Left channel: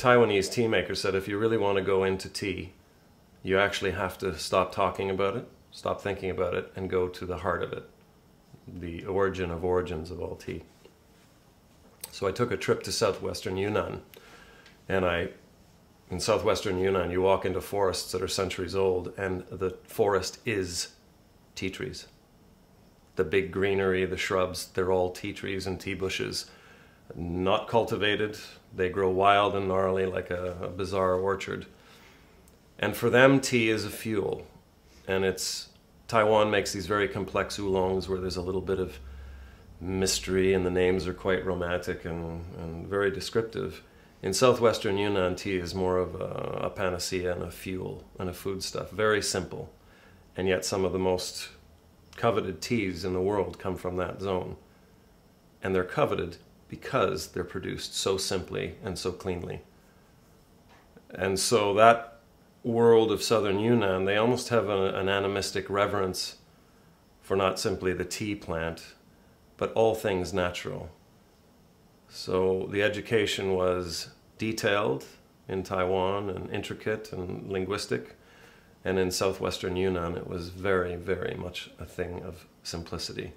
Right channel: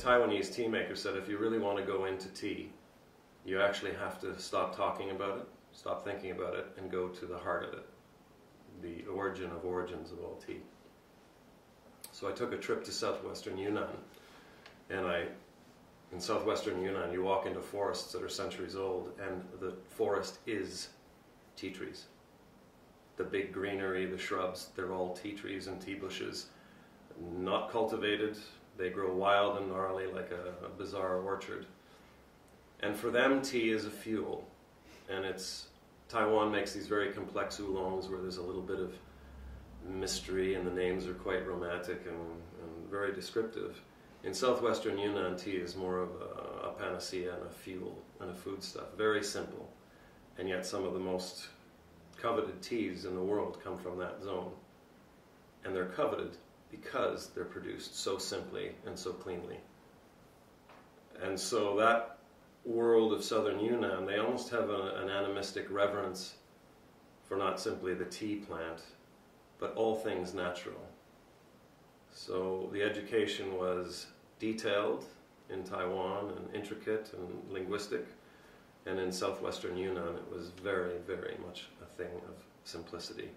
Taiwanese tea maker said if you really want to go into tea, you actually have to stop talking about it, stop thinking about it, and go to the heart of it, the origin of origins of all tea. So I took a trip to southwestern Yunnan, and in southwestern Yunnan, you walk into forests that are centuries old, and the forest is tea trees. The big greenery, the shrubs, they're all tea trees and tea bushes. Not cultivated, they grow wild and gnarly like a bizarre orchard. And for them, tea is a fuel. And Taiwan makes these very complex oolongs where there's a little bit of mystery and the names are quite romantic and very descriptive. In southwestern Yunnan, tea is more of a panacea and a fuel and a foodstuff. Very simple. And yet some of the most coveted teas in the world come from that zone. And they're coveted because they're produced so simply and so cleanly. And so that world of southern Yunnan, they almost have an animistic reverence for not simply the tea plant, but all things natural. So the education was detailed in Taiwan and intricate and linguistic, and in southwestern Yunnan it was very, very much a thing of simplicity.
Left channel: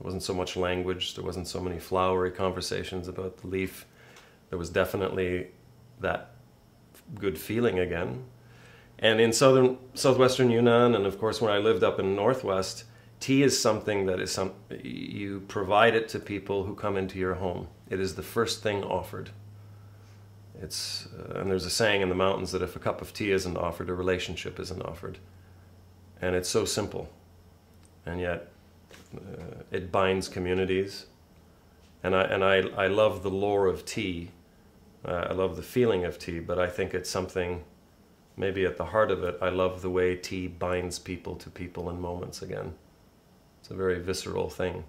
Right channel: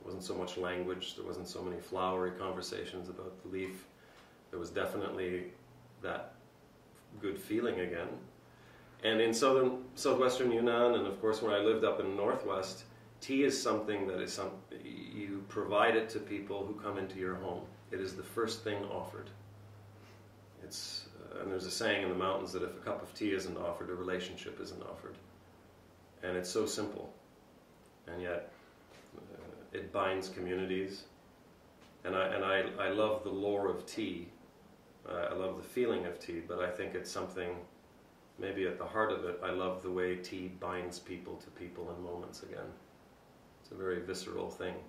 There wasn't so much language, there wasn't so many flowery conversations about the leaf. There was definitely that good feeling again. And in southwestern Yunnan, and of course when I lived up in the northwest, tea is something that you provide it to people who come into your home. It is the first thing offered. And there's a saying in the mountains that if a cup of tea isn't offered, a relationship isn't offered. And it's so simple. And yet it binds communities. And I love the lore of tea. I love the feeling of tea, but I think it's something, maybe at the heart of it, I love the way tea binds people to people in moments again. It's a very visceral thing.